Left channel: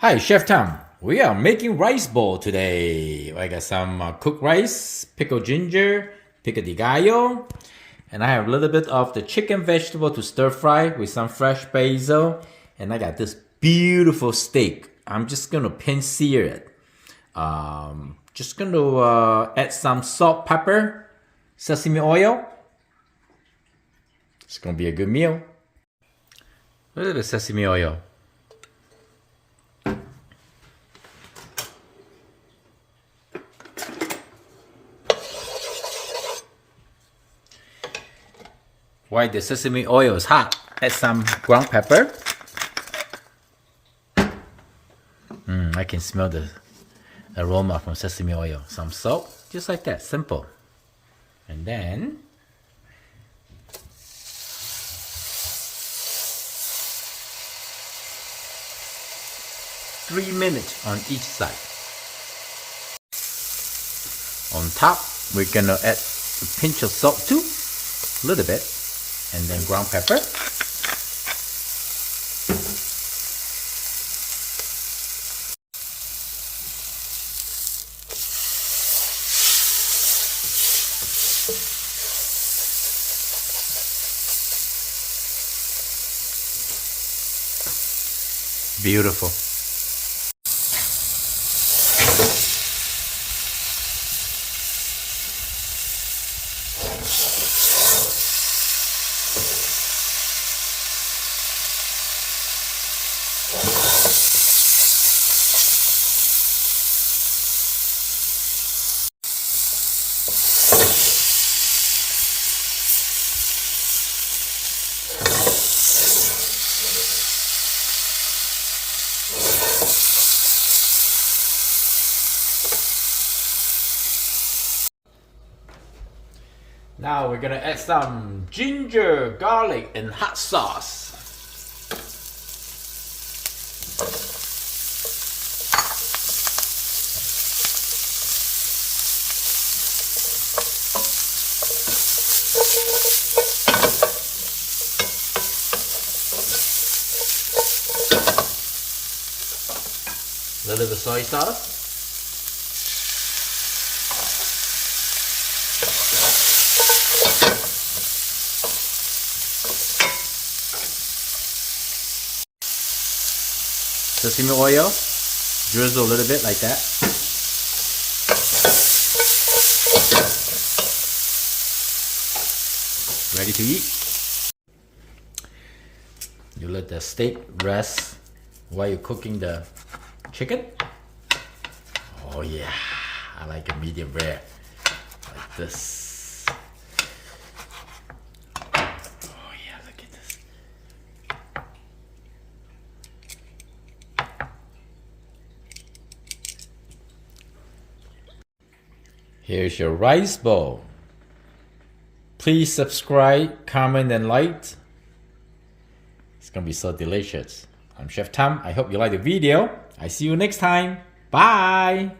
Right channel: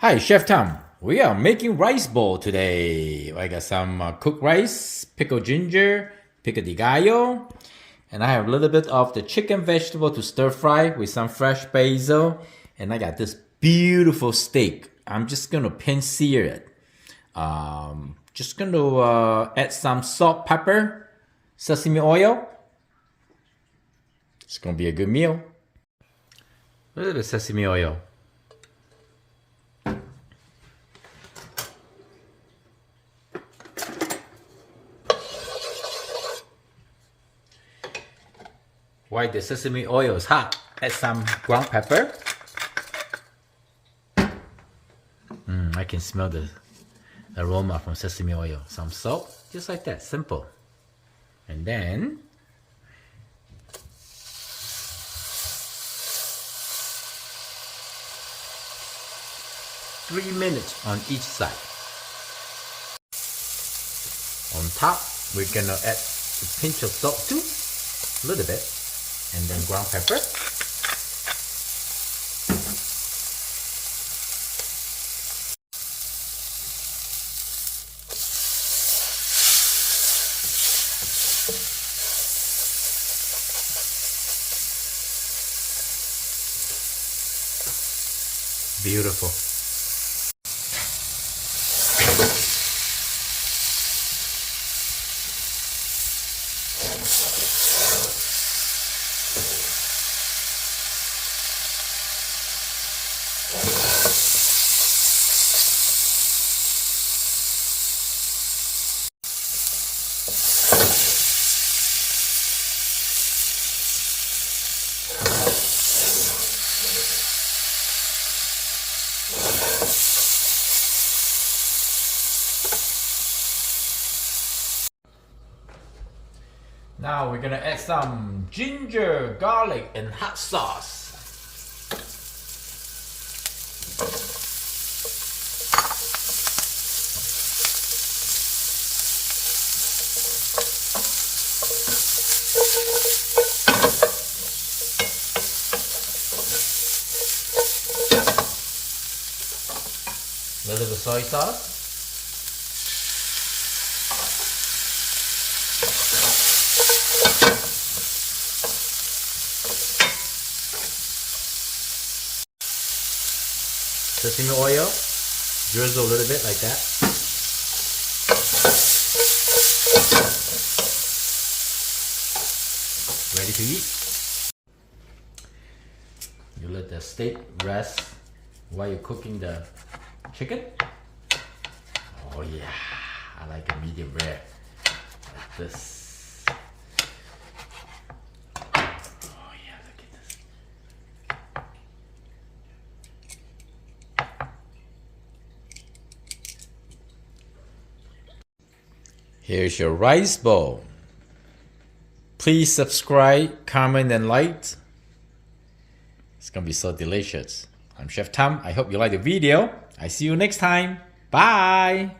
Hi, Chef Tom. We are making rice bowl today. I got some cooked rice, pickled ginger, pico de gallo, and I have a little bit of the chicken vegetable to stir fry with some fresh basil. And I got this beautiful steak. I'm just gonna pan sear it. Just gonna add some salt, pepper, sesame oil. It's gonna be a good meal. A little sesame oil. While the sesame oil is hot, add some ground pepper. I can smell the aroma from sesame oil. Some salt, just like that, simple. And then three minutes on each side. On top, we're gonna add a pinch of salt too, a little bit, and then ground pepper. Beautiful. Now we're gonna add some ginger, garlic, and hot sauce. A little bit of soy sauce. Sesame oil, drizzle a little bit like that. Ready to eat. You let the steak rest while you're cooking the chicken. Oh yeah, I like a medium rare, like this. Here's your rice bowl. Please subscribe, comment, and like. It's gonna be so delicious. I'm Chef Tom. I hope you like the video. I see you next time. Bye.